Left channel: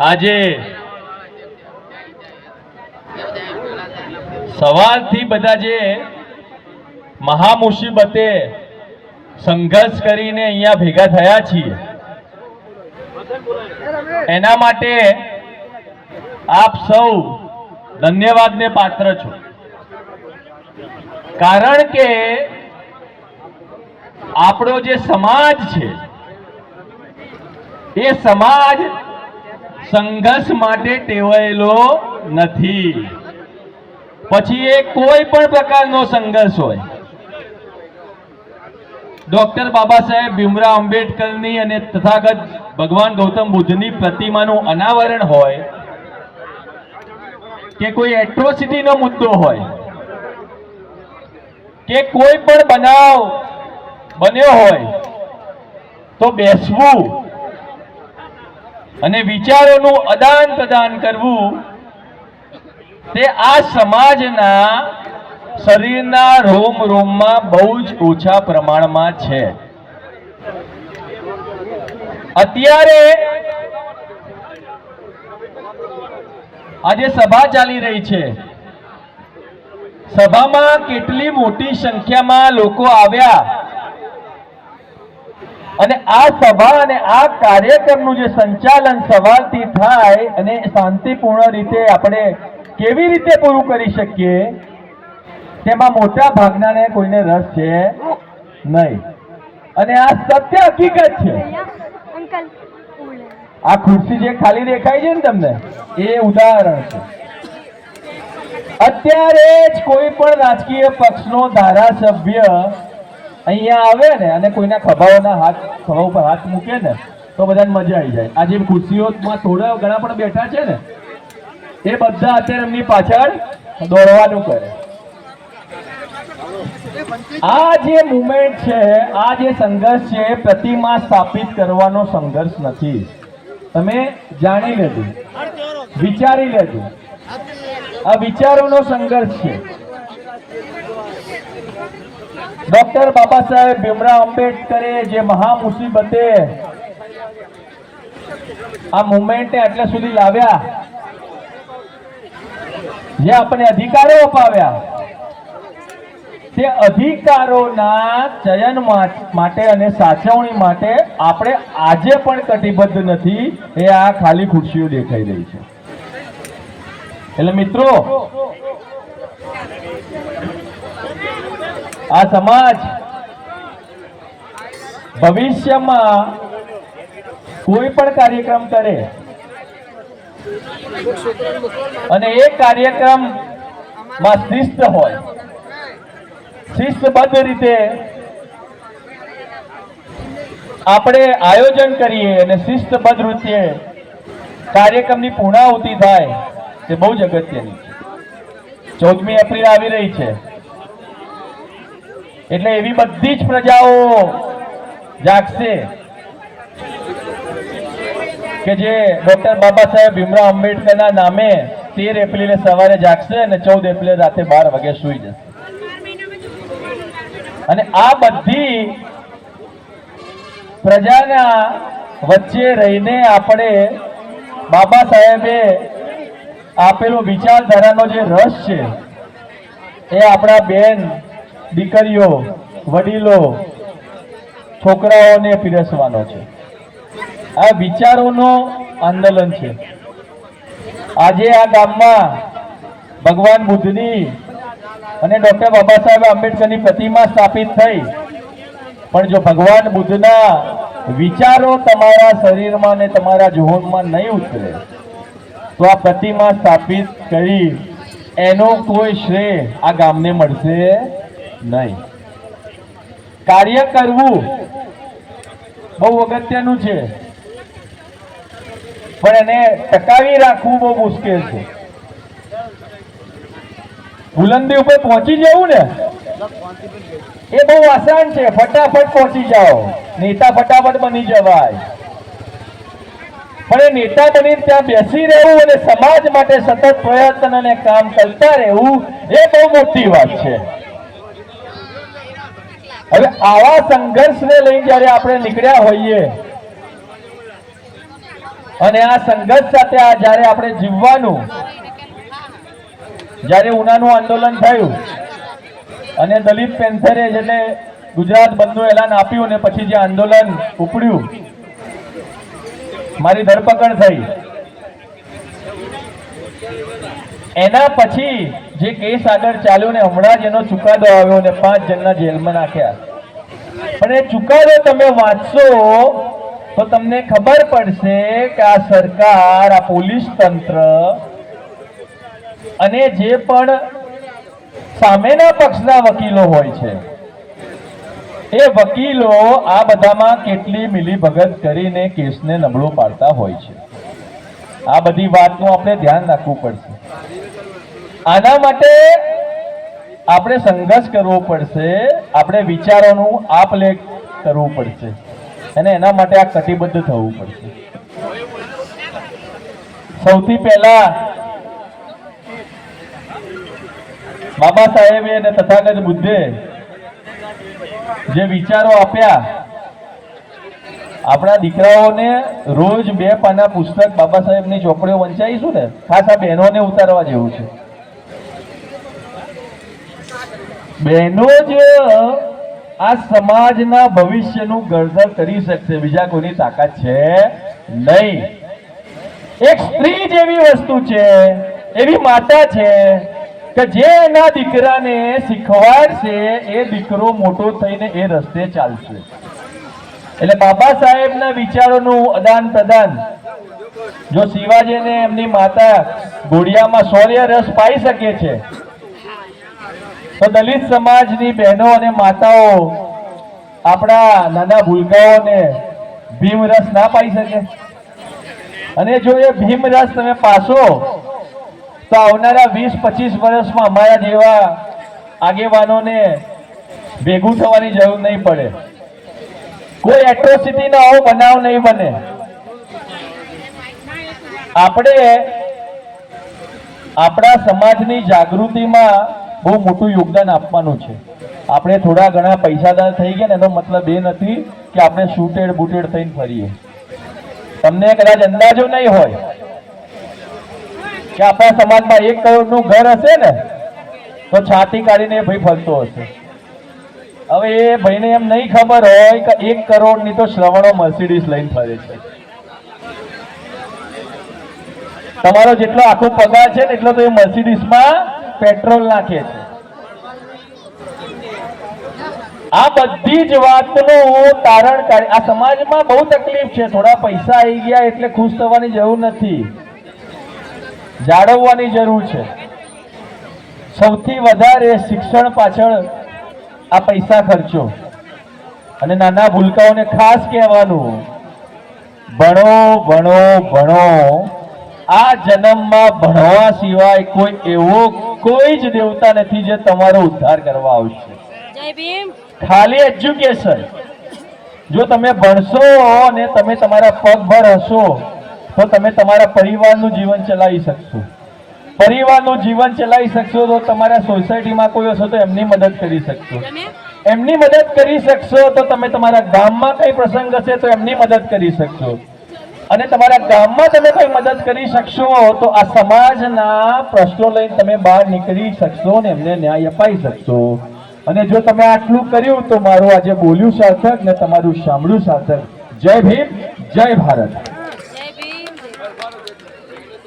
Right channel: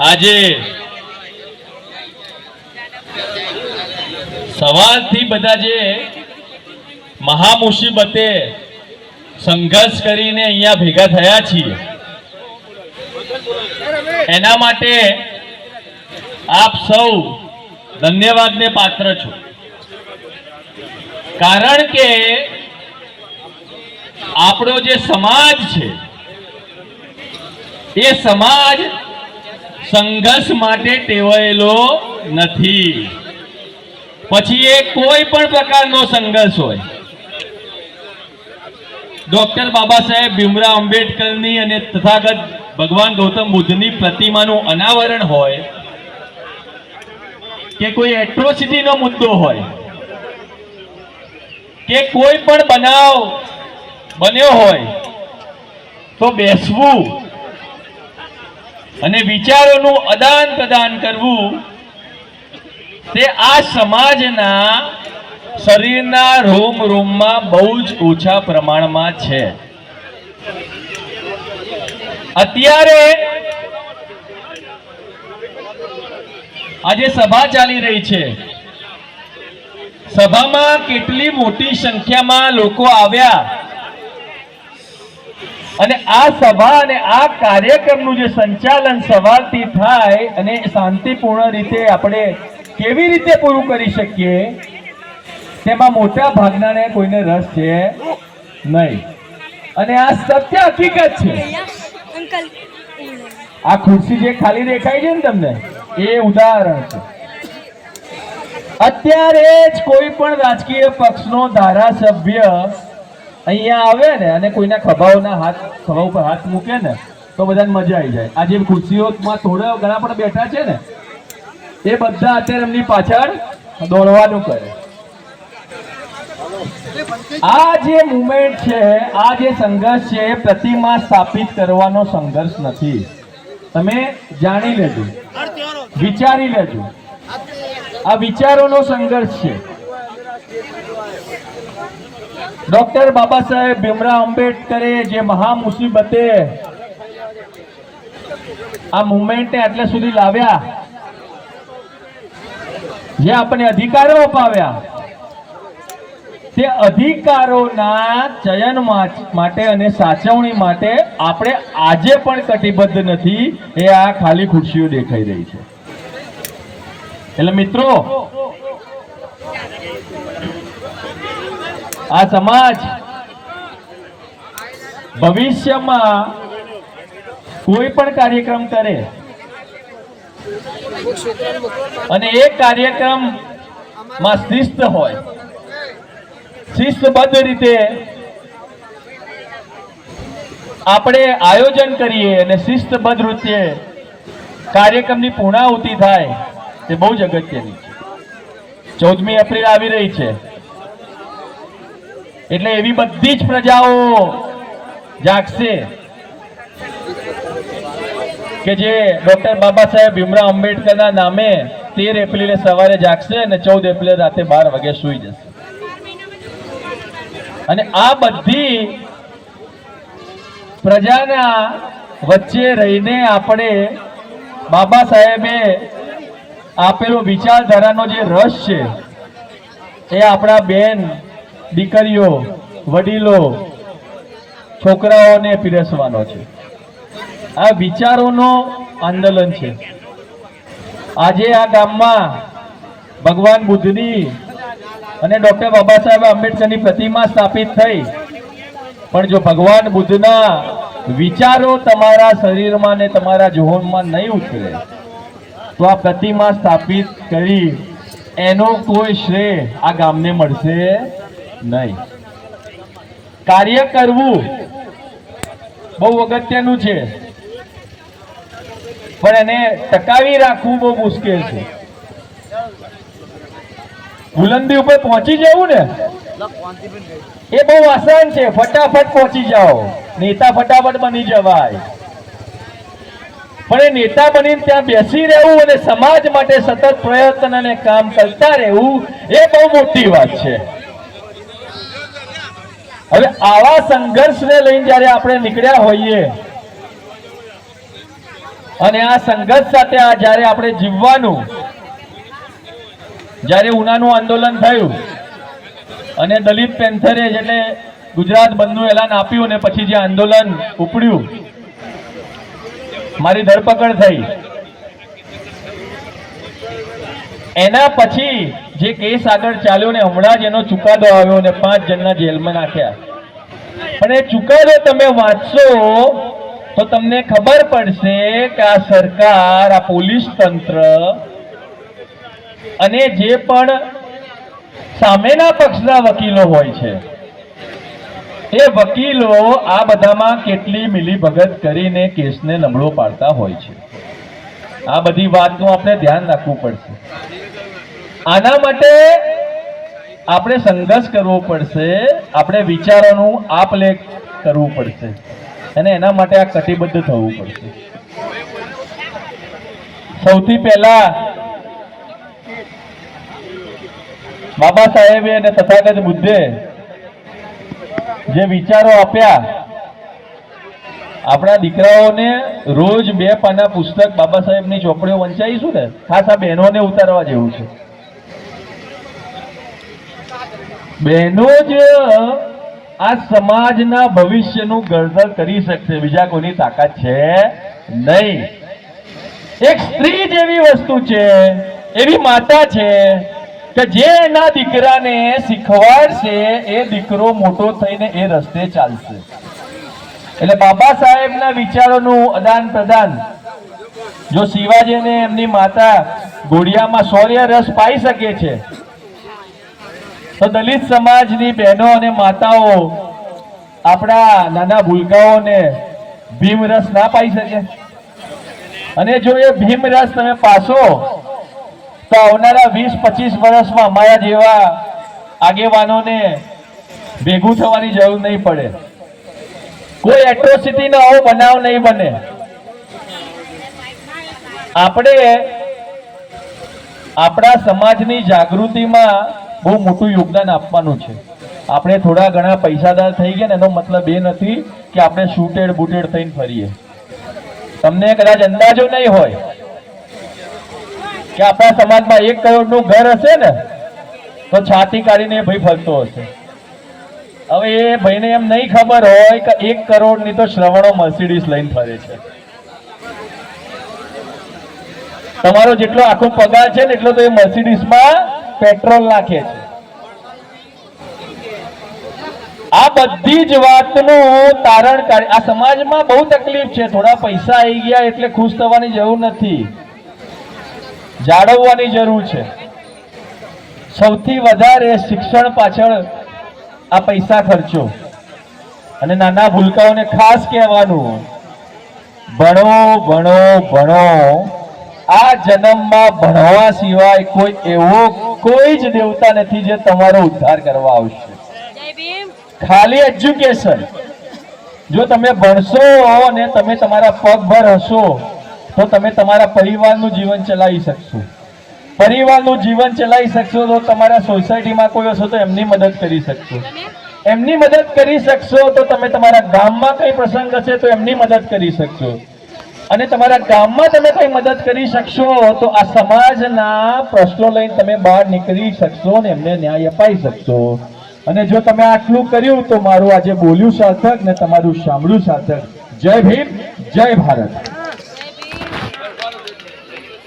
આજે સવારથી બધા જે મહામુસીબતે સંઘર્ષ કરીને અહીંયા ભેગા થયા છીએ એના માટે આપ સૌ ધન્યવાદને પાત્ર છો। કારણ કે આપણો જે સમાજ છે એ સમાજ સંઘર્ષ માટે ટેવાયેલો નથી। પછી એ કોઈ પણ પ્રકારનો સંઘર્ષ હોય, ડોક્ટર બાબા સાહેબ ભીમરાવ આંબેડકરની અને તથાગત ભગવાન ગૌતમ બુદ્ધની પ્રતિમાનું અનાવરણ હોય કે કોઈ એટ્રોસિટીનો મુદ્દો હોય કે કોઈ પણ બનાવ બન્યો હોય તો બેસવું અને વિચારોનું આદાન પ્રદાન કરવું તે આ સમાજના શરીરના રોમ રોમમાં બહુ જ ઓછા પ્રમાણમાં છે। અત્યારે આજે સભા ચાલી રહી છે, સભામાં કેટલી મોટી સંખ્યામાં લોકો આવ્યા અને આ સભા અને આ કાર્યક્રમનું જે સંચાલન સવારથી થાય અને શાંતિપૂર્ણ રીતે આપણે કેવી રીતે પૂરું કરી શકીએ તેમાં મોટા ભાગનાને કોઈને રસ છે નહીં અને આ સત્ય હકીકત છે। આ ખુરશી જે ખાલી દેખાય છે ને તમને એ ઉદાહરણ છે। અત્યારે જ કોઈ પણ રાજકીય પક્ષનો ધારાસભ્ય અહીંયા આવે ને અને કોઈના ખભા ઉપર હાથ મૂકે ને તો બધાને મજા આવી જાય। આ જે ખુરશીઓમાં થોડા ઘણા પણ બેઠા છે ને એ બધા અત્યારે એમની પાછળ દોડવાનું કરે। આ જે મુવમેન્ટ છે, આ જે સંઘર્ષ છે, પ્રતિમા સ્થાપિત કરવાનો સંઘર્ષ નથી। તમે જાણી લેજો, વિચારી લેજો, આ વિચારોનો સંઘર્ષ છે। ડોક્ટર બાબા સાહેબ ભીમરાવ આંબેડકરે જે મહામુસીબતે આ મુવમેન્ટને આટલે સુધી લાવ્યા, જે આપણે અધિકારો અપાવ્યા, તે અધિકારોના ચયન માટે અને સાચવણી માટે આપણે આજે પણ કટિબદ્ધ નથી। એ આ ખાલી ખુરશીઓ દેખાઈ રહી છે। એટલે મિત્રો, આ સમાજ ભવિષ્યમાં કોઈ પણ કાર્યક્રમ કરે અને એ કાર્યક્રમમાં શિસ્ત હોય, શિસ્તબદ્ધ રીતે આપણે આયોજન કરીએ અને શિસ્તબદ્ધ રીતે કાર્યક્રમની પૂર્ણાહુતિ થાય તે બહુ જ અગત્યની છે। 14મી એપ્રિલ આવી રહી છે એટલે એવી બધી જ પ્રજાઓ જાગશે કે જે ડોક્ટર બાબા સાહેબ ભીમરાવ આંબેડકરના નામે 13 એપ્રિલે સવારે જાગશે અને 14 એપ્રિલે રાતે 12 વાગે સૂઈ જશે। અને આ બધી પ્રજાના વચ્ચે રહીને આપણે બાબા સાહેબે આપેલો વિચારધારાનો જે રસ છે એ આપણા બેન દીકરીઓ, વડીલો, છોકરાઓને પીરસવાનો છે। આ વિચારોનો આંદોલન છે। આજે આ ગામમાં ભગવાન બુદ્ધની અને ડોક્ટર બાબા સાહેબ આંબેડકરની પ્રતિમા સ્થાપિત થઈ, પણ જો ભગવાન બુદ્ધના વિચારો તમારા શરીરમાં ને તમારા જોહનમાં નહીં ઉતરે તો આ પ્રતિમા સ્થાપિત કરી એનો કોઈ શ્રેય આ ગામને મળશે નહીં। કાર્ય કરવું બહુ અગત્યનું છે, પણ એને ટકાવી રાખવું બહુ મુશ્કેલ છે। બુલંદી ઉપર પહોંચી જવું ને એ બહુ આસાન છે, ફટાફટ પહોંચી જાઓ, નેતા ફટાફટ બની જવાય। પણ એ નેતા બનીને ત્યાં બેસી રહેવું અને સમાજ માટે સતત પ્રયત્ન અને કામ કરતા રહેવું એ બહુ મોટી વાત છે। હવે આવા સંઘર્ષને લઈને જ્યારે આપણે નીકળ્યા હોઈએ અને આ સંઘર્ષ સાથે આ જ્યારે આપણે જીવવાનું, જ્યારે ઉનાનું આંદોલન થયું અને દલિત પેન્થરે એટલે ગુજરાત બંધનું એલાન આપ્યું અને પછી જે આંદોલન ઉપડ્યું, મારી ધરપકડ થઈ, એના પછી જે કેસ આગળ ચાલ્યો ને હમણાં જ એનો ચુકાદો આવ્યો ને 5 જણના જેલમાં નાખ્યા. પણ એ ચુકાદો તમે વાંચશો તો તમને ખબર પડશે કે આ સરકાર, આ પોલીસ તંત્ર અને જે પણ સામેના પક્ષના વકીલો હોય છે એ વકીલો આ બધામાં કેટલી મિલીભગત કરીને કેસને નબળો પાડતા હોય છે. આ બધી વાતનું આપણે ધ્યાન રાખવું પડશે. આના માટે આપણે સંઘર્ષ કરવો પડશે, આપણે વિચારોનું આપ-લે કરવું પડશે અને એના માટે આ કટિબદ્ધ થવું પડશે. સૌથી પહેલા બાબા સાહેબે અને તથાગત બુદ્ધે જે વિચારો આપ્યા, આપણા દીકરાઓને રોજ 2 પાના પુસ્તક બાબા સાહેબની ચોપડીઓ વંચાઈશું ને, ખાસ આ બહેનોને ઉતારવા જેવું છે. બહેનો જ આ સમાજના ભવિષ્યનું ઘડતર કરી શકશે, બીજા કોઈની તાકાત છે નહીં. એક સ્ત્રી જેવી વસ્તુ છે, એવી માતા છે કે જે એના દીકરાને શીખવાડશે એ દીકરો મોટો થઈને એ રસ્તે ચાલશે. એટલે બાબા સાહેબના વિચારોનું આદાન પ્રદાન, જો શિવાજી અને એમની માતા ઘોડિયામાં શૌર્ય રસ પાઈ શકે છે તો દલિત સમાજની બહેનો અને માતાઓ આપણા નાના ભૂલકાઓને ભીમ રસ ના પાઈ શકે? અને જો એ ભીમ રસ તમે પાસો તો આવનારા 20-25 વર્ષમાં અમારા જેવા આગેવાનોને ભેગું થવાની જરૂર નહીં પડે, કોઈ એટ્રોસિટીનો આવો બનાવ નહીં બને. આપણે આપણા સમાજની જાગૃતિમાં બહુ મોટું યોગદાન આપવાનું છે. આપણે થોડા ઘણા પૈસાદાર થઈ ગયા ને એનો મતલબ એ નથી કે આપણે શૂટેડ બૂટેડ થઈને ફરીએ. તમને કદાચ અંદાજો નહીં હોય કે આપણા સમાજમાં 1 કરોડનું ઘર હશે ને તો છાતી કાઢીને ભાઈ ફરતો હશે. હવે એ ભાઈને એમ નહીં ખબર હોય કે 1 કરોડની તો શ્રવણો મર્સિડીઝ લઈને ફરે છે. તમારો જેટલો આખો પગાર છે ને એટલો તો એ મર્સિડીઝમાં પેટ્રોલ નાખે છે. આ બધી જ વાતનું તારણ કાઢી, આ સમાજમાં બહુ તકલીફ છે. થોડા પૈસા આવી ગયા એટલે ખુશ થવાની જરૂર નથી, જાળવવાની જરૂર છે. સૌથી વધારે શિક્ષણ પાછળ આ પૈસા ખર્ચો. અને નાના ભૂલકાઓને ખાસ કહેવાનું, ભણો ભણો ભણો. આ જન્મમાં ભણવા સિવાય કોઈ એવો કોઈ જ દેવતા નથી જે તમારો ઉદ્ધાર કરવા આવશે. ખાલી એજ્યુકેશન. જો તમે ભણશો અને તમે તમારા પગભર હશો તો તમે તમારા પરિવારનું જીવન ચલાવી શકશો. પરિવારનું જીવન ચલાવી શકશો તો તમારા સોસાયટીમાં કોઈ હશે તો એમની મદદ કરી શકશો. એમની મદદ કરી શકશો તો તમે તમારા ગામમાં કઈ પ્રસંગ હશે તો એમની મદદ કરી શકશો. અને તમારા ગામમાં તમે કઈ મદદ કરી શકશો તો આ સમાજના પ્રશ્નો લઈને તમે બહાર નીકળી શકશો અને એમને ન્યાય અપાઈ શકશો. અને જો તમે આટલું કર્યું તો મારું આજે બોલ્યું સાર્થક ને તમારું સાંભળ્યું સાર્થક. જય ભીમ, જય ભારત.